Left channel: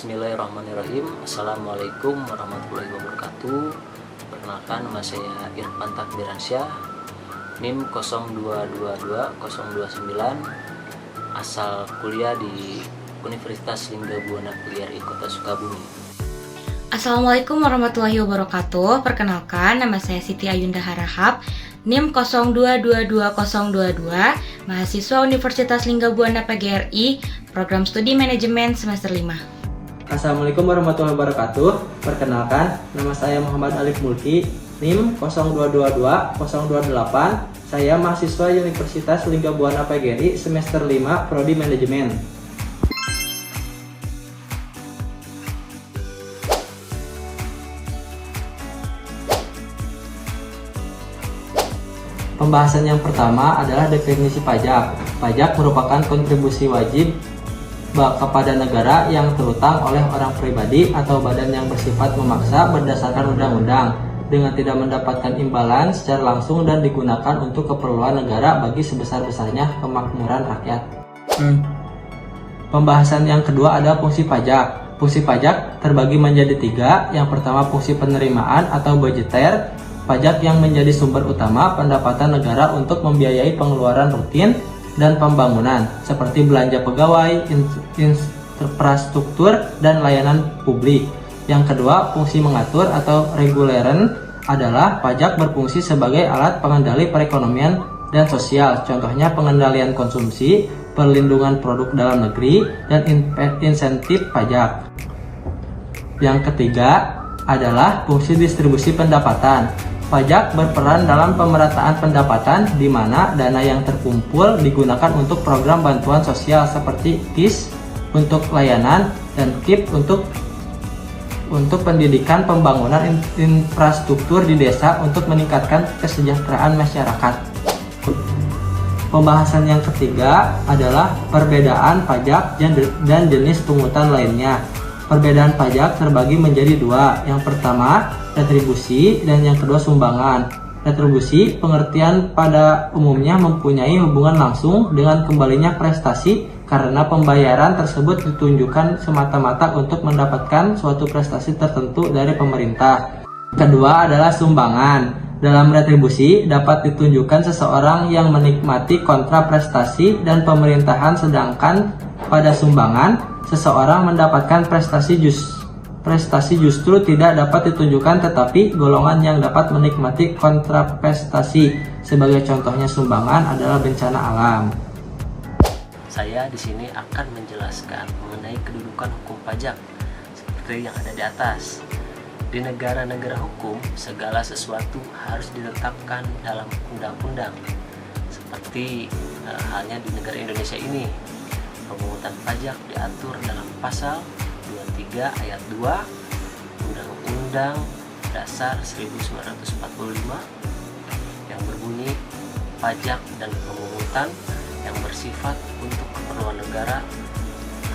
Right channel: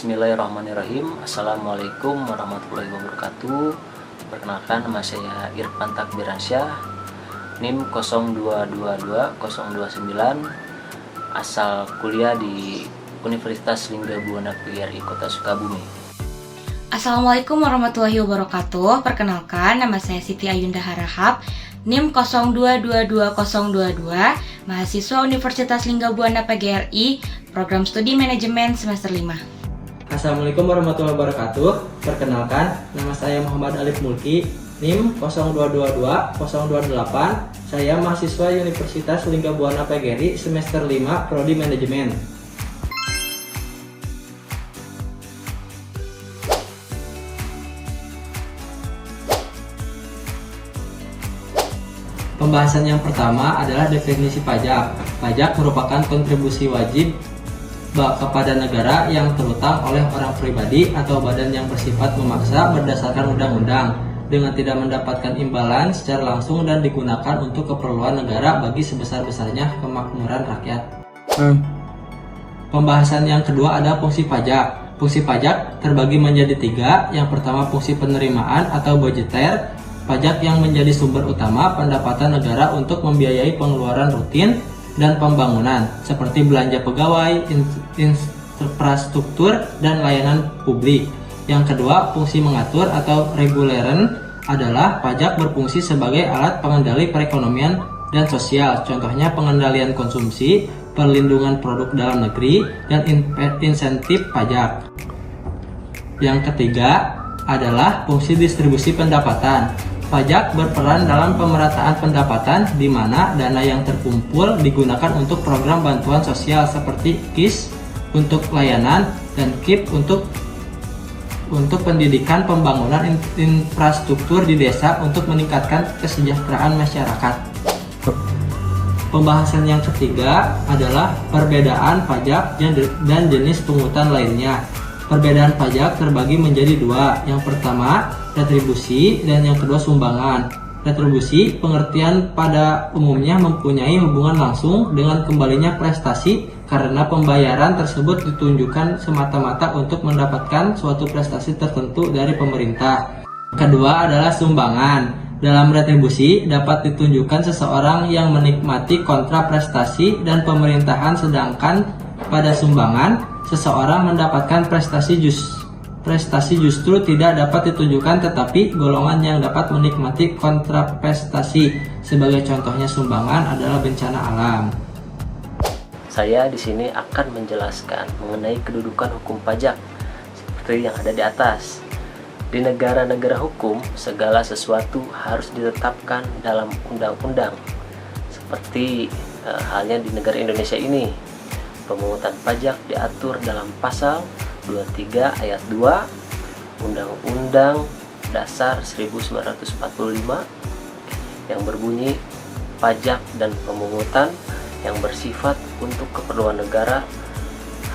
Bismillahirrahmanirrahim. Assalamualaikum warahmatullahi wabarakatuh. Perkenalkan, nama saya Irfan Takbiransyah, NIM 0222029, asal kuliah di Universitas Lingga Buana PGRI Kota Sukabumi. Assalamualaikum warahmatullahi wabarakatuh. Perkenalkan, nama saya Siti Ayunda Harahap, NIM 0222022, mahasiswa Universitas Lingga Buana PGRI, Program Studi Manajemen semester 5. Assalamualaikum warahmatullahi wabarakatuh. Perkenalkan, nama saya Muhammad Alif Mulki, NIM 0222028. Saya mahasiswa Universitas Lingga Buana PGRI semester 5, Prodi Manajemen. Pembahasan yang pertama adalah definisi pajak. Pajak merupakan kontribusi wajib kepada negara yang terutang oleh orang pribadi atau badan yang bersifat memaksa berdasarkan undang-undang dengan tidak mendapatkan imbalan secara langsung dan digunakan untuk keperluan negara bagi sebesar-besarnya kemakmuran rakyat. Pembahasan yang kedua ada fungsi pajak. Fungsi pajak terbagi menjadi 3. Yang pertama, fungsi penerimaan atau budgeter. Pajak yang menjadi sumber utama pendapatan negara untuk membiayai pengeluaran rutin dan pembangunan seperti belanja pegawai, infrastruktur, dan layanan publik. Yang kedua, fungsi mengatur atau reguleren adalah pajak berfungsi sebagai alat pengendali perekonomian dan sosial. Contohnya pengendalian konsumsi, perlindungan produk dalam negeri, dan insentif pajak. Yang ketiga adalah fungsi distribusi pendapatan. Pajak berperan dalam pemerataan pendapatan di mana dana yang terkumpul digunakan untuk program bantuan sosial seperti KIS untuk layanan dan KIP untuk pendidikan, pembangunan infrastruktur di desa untuk meningkatkan kesejahteraan masyarakat. Pembahasan yang ketiga adalah perbedaan pajak dan jenis pungutan lainnya. Perbedaan pajak terbagi menjadi 2. Yang pertama, retribusi, dan yang kedua, sumbangan. Retribusi pengertian pada umumnya mempunyai hubungan langsung dengan kembalinya prestasi karena pembayaran tersebut ditunjukkan semata-mata untuk mendapatkan suatu prestasi tertentu dari pemerintah. Kedua adalah sumbangan. Dalam retribusi dapat ditunjukkan seseorang yang menikmati kontra prestasi dan pemerintahan, sedangkan pada sumbangan seseorang mendapatkan prestasi justru tidak dapat ditunjukkan, tetapi golongan yang dapat menikmati kontraprestasi. Sebagai contohnya sumbangan adalah bencana alam. Saya di sini akan menjelaskan mengenai kedudukan hukum pajak seperti yang ada di atas. Di negara-negara hukum, segala sesuatu harus ditetapkan dalam undang-undang. Seperti halnya di negara Indonesia ini, pemungutan pajak diatur dalam pasal 23 ayat 2 Undang-Undang Dasar 1945 yang berbunyi pajak dan pemungutan yang bersifat untuk keperluan negara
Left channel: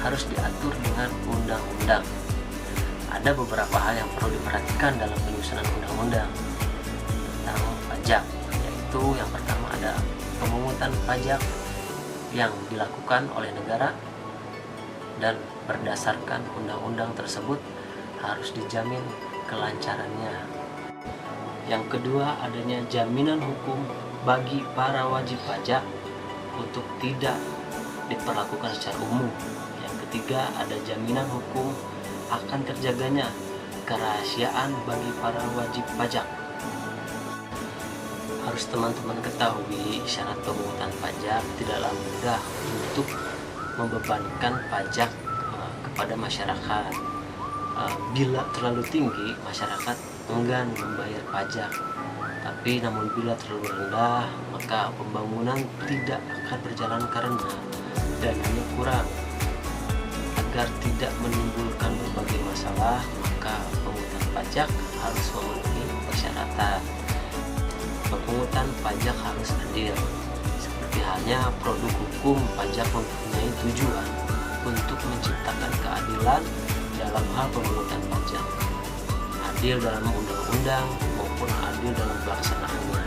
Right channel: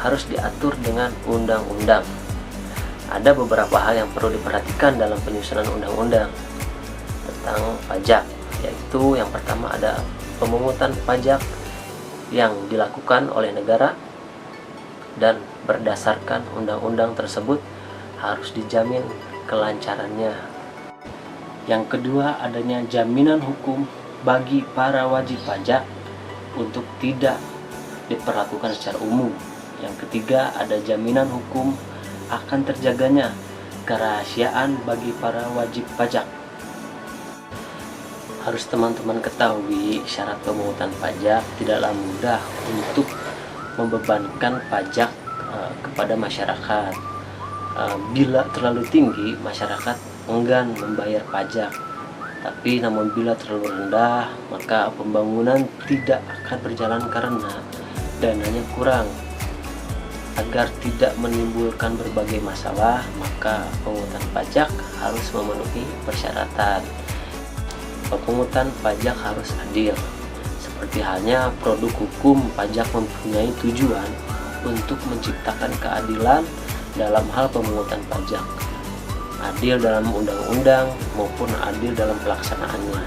harus diatur dengan undang-undang. Ada beberapa hal yang perlu diperhatikan dalam penyusunan undang-undang tentang pajak, yaitu yang pertama ada pemungutan pajak yang dilakukan oleh negara dan berdasarkan undang-undang tersebut harus dijamin kelancarannya. Yang kedua, adanya jaminan hukum bagi para wajib pajak untuk tidak diperlakukan secara umum. Yang ketiga, ada jaminan hukum akan terjaganya kerahasiaan bagi para wajib pajak. Harus teman-teman ketahui, syarat pemungutan pajak tidaklah mudah untuk membebankan pajak kepada masyarakat. Bila terlalu tinggi, masyarakat enggan membayar pajak. Tapi namun bila terlalu rendah, maka pembangunan tidak akan berjalan karena dananya kurang. Agar tidak menimbulkan berbagai masalah, maka pemungutan pajak harus memenuhi persyaratan. Pemungutan pajak harus adil. Seperti halnya produk hukum, pajak mempunyai tujuan untuk menciptakan keadilan dalam hal pemungutan pajak. Adil dalam undang-undang maupun adil dalam pelaksanaannya.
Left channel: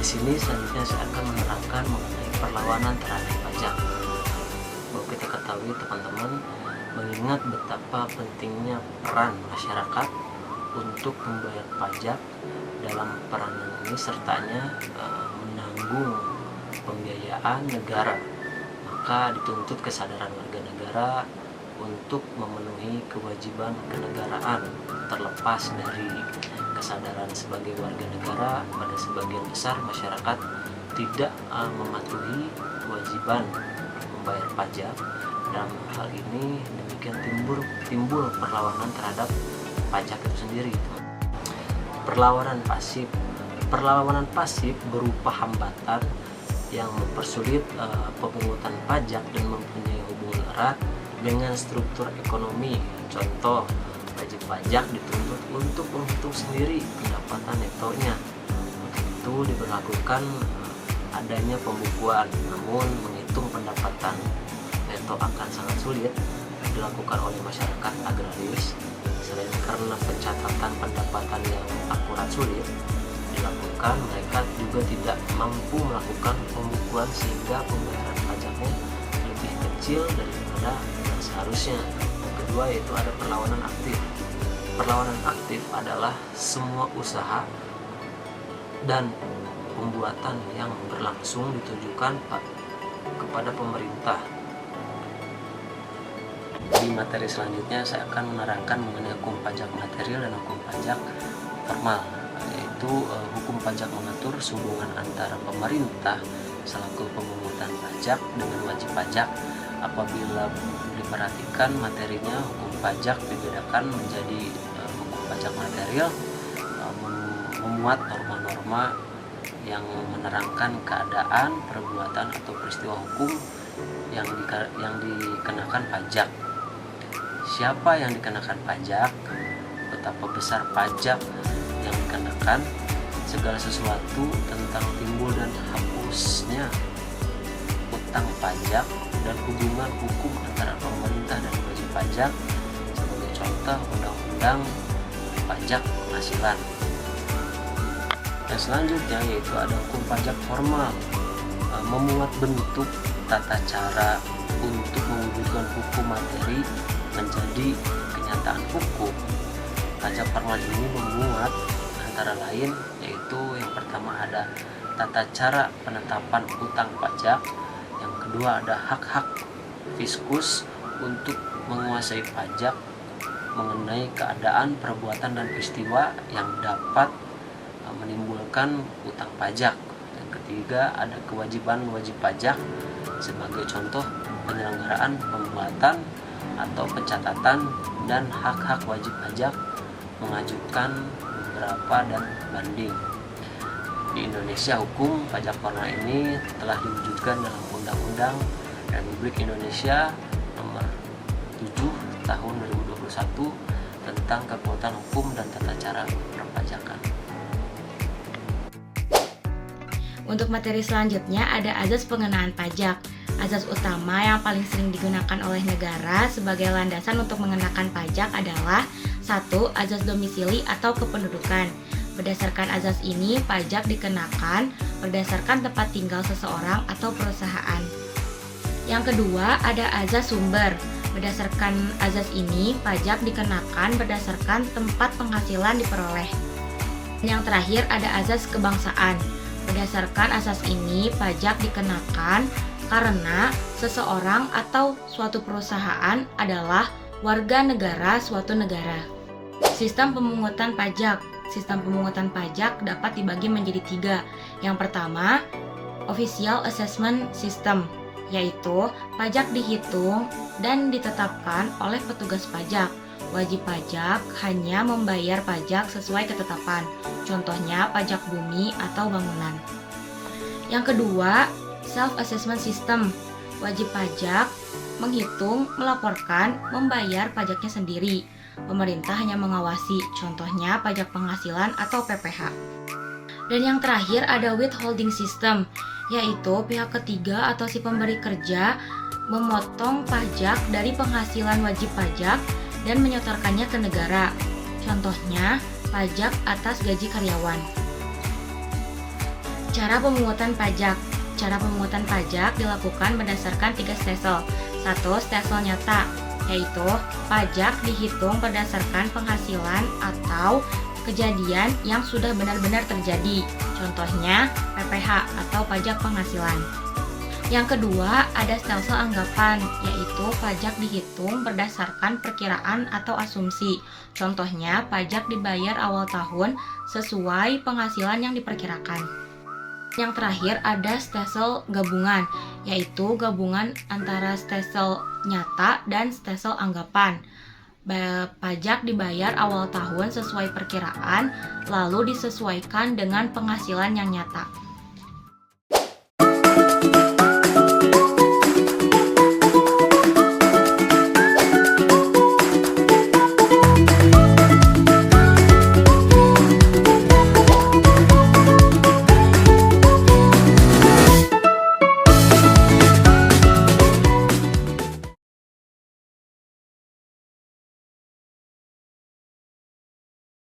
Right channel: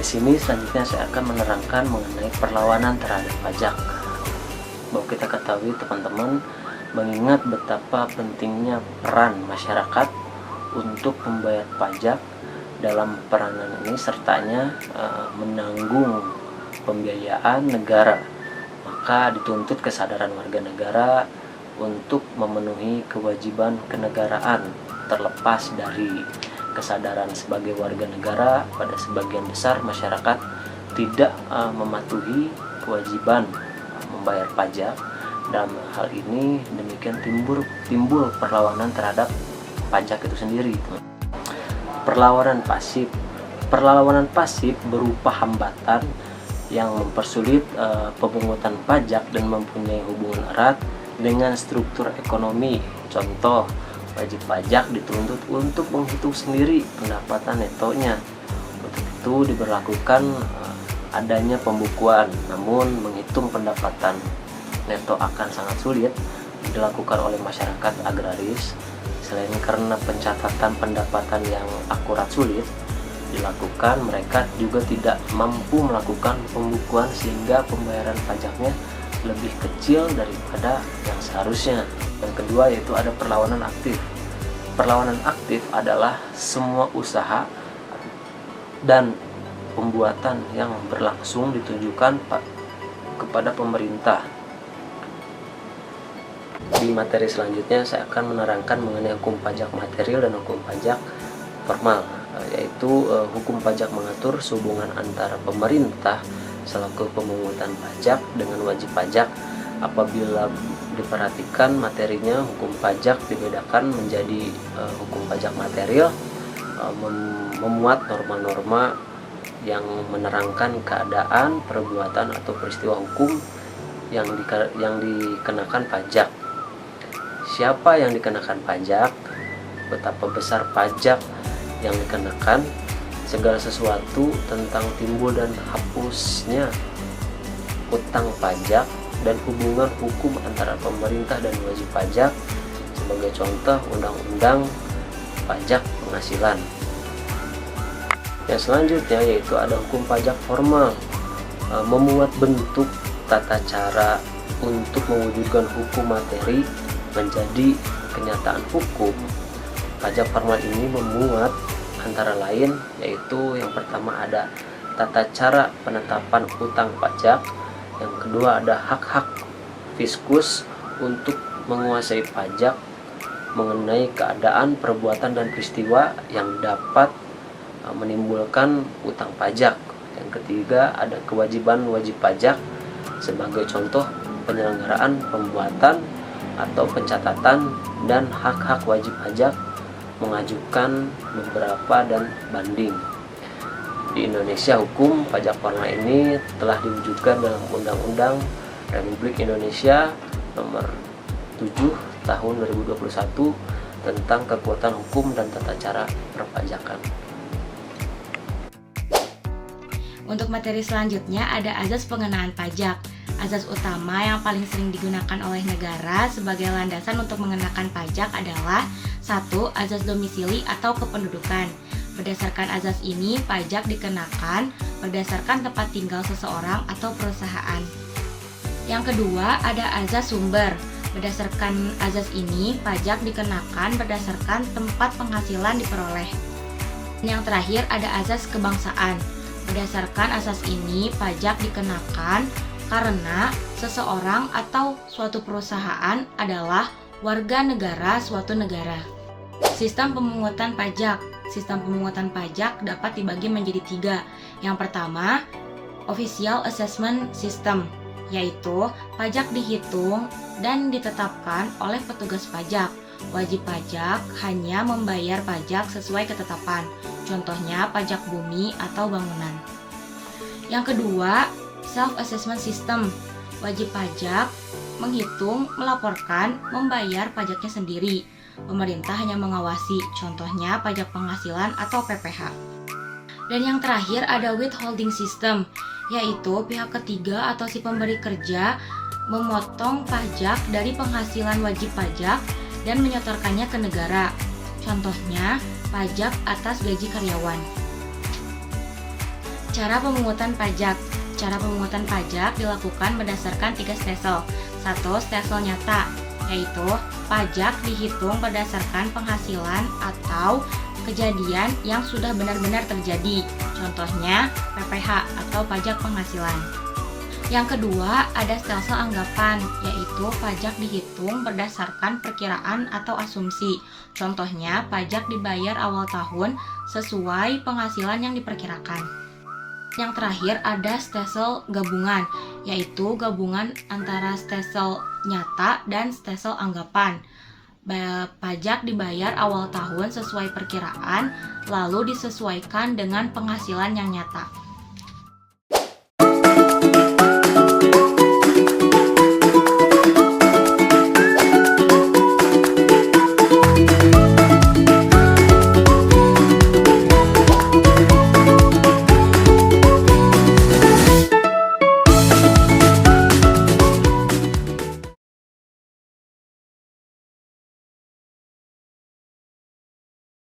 Di sini selanjutnya saya akan menerangkan mengenai perlawanan terhadap pajak. Bahwa kita ketahui teman-teman, mengingat betapa pentingnya peran masyarakat untuk membayar pajak. Dalam peranan ini sertanya menanggung pembiayaan negara, maka dituntut kesadaran warga negara untuk memenuhi kewajiban kenegaraan. Terlepas dari kesadaran sebagai warga negara, pada sebagian besar masyarakat tidak mematuhi kewajiban membayar pajak. Dalam hal ini demikian timbul perlawanan terhadap pajak itu sendiri. Perlawanan pasif berupa hambatan yang mempersulit pemungutan pajak dan mempunyai hubungan erat dengan struktur ekonomi. Contoh, wajib pajak dituntut untuk menghitung sendiri pendapatan netonya. Untuk itu diberlakukan adanya pembukuan, namun menghitung pendapatan neto akan sangat sulit dilakukan oleh masyarakat agraris. Selain karena pencatatan pendapatan yang akurat sulit dilakukan, mereka juga tidak mampu melakukan pembukuan sehingga pembayaran pajaknya lebih kecil daripada yang seharusnya. Yang kedua yaitu ada perlawanan aktif. Perlawanan aktif adalah semua usaha dan pembuatan yang berlangsung ditujukan kepada pemerintah. Di materi selanjutnya saya akan menerangkan mengenai hukum pajak material dan hukum pajak formal, yaitu hukum pajak mengatur hubungan antara pemerintah selaku pemungutan pajak dengan wajib pajak. Apabila diperhatikan materinya, hukum pajak dibedakan menjadi hukum pajak material, memuat norma-norma yang menerangkan keadaan, perbuatan atau peristiwa hukum yang dikenakan pajak. Siapa yang dikenakan pajak, betapa besar pajak yang dikenakan, segala sesuatu tentang timbul dan hapusnya utang pajak, dan hubungan hukum antara pemerintah dan wajib pajak. Sebagai contoh, undang-undang pajak penghasilan. Yang selanjutnya yaitu ada hukum pajak formal, memuat bentuk tata cara untuk mewujudkan hukum materi menjadi kenyataan hukum. Pajak formal ini memuat antara lain yaitu yang pertama ada tata cara penetapan utang pajak, yang kedua ada hak-hak fiskus untuk menguasai pajak mengenai keadaan, perbuatan dan peristiwa yang dapat menimbulkan utang pajak. Yang ketiga ada kewajiban wajib pajak, sebagai contoh penyelenggaraan pembuatan atau pencatatan dan hak-hak wajib pajak, mengajukan beberapa dan banding. Di Indonesia, hukum pajak formal ini telah diwujudkan dalam Undang-Undang Republik Indonesia Nomor 7 Tahun 2021 tentang kekuatan hukum dan tata cara perpajakan. Untuk materi selanjutnya ada azas pengenaan pajak. Azas utama yang paling sering digunakan oleh negara sebagai landasan untuk mengenakan pajak adalah 1. Azas domisili atau kependudukan. Berdasarkan azas ini, pajak dikenakan berdasarkan tempat tinggal seseorang atau perusahaan. Yang kedua, ada azas sumber. Berdasarkan azas ini, pajak dikenakan berdasarkan tempat penghasilan diperoleh. Yang terakhir, ada azas kebangsaan. Berdasarkan azas ini, pajak dikenakan karena seseorang atau suatu perusahaan adalah warga negara suatu negara. Sistem pemungutan pajak. Sistem pemungutan pajak dapat dibagi menjadi 3. Yang pertama, Official Assessment System, yaitu pajak dihitung dan ditetapkan oleh petugas pajak. Wajib pajak hanya membayar pajak sesuai ketetapan, contohnya pajak bumi atau bangunan. Yang kedua, Self-Assessment System. Wajib pajak menghitung, melaporkan, membayar pajaknya sendiri. Pemerintah hanya mengawasi, contohnya pajak penghasilan atau PPh. Dan yang terakhir ada Withholding System, yaitu pihak ketiga atau si pemberi kerja memotong pajak dari penghasilan wajib pajak dan menyetorkannya ke negara. Contohnya, pajak atas gaji karyawan. Cara pemungutan pajak. Cara pemungutan pajak dilakukan berdasarkan 3 stelsel. 1. Stelsel nyata, yaitu pajak dihitung berdasarkan penghasilan atau kejadian yang sudah benar-benar terjadi. Contohnya PPH atau pajak penghasilan. Yang kedua, ada stelsel anggapan, yaitu pajak dihitung berdasarkan perkiraan atau asumsi. Contohnya, pajak dibayar awal tahun sesuai penghasilan yang diperkirakan. Yang terakhir, ada stelsel gabungan, yaitu gabungan antara stelsel nyata dan stelsel anggapan. Pajak dibayar awal tahun sesuai perkiraan, lalu disesuaikan dengan penghasilan yang nyata.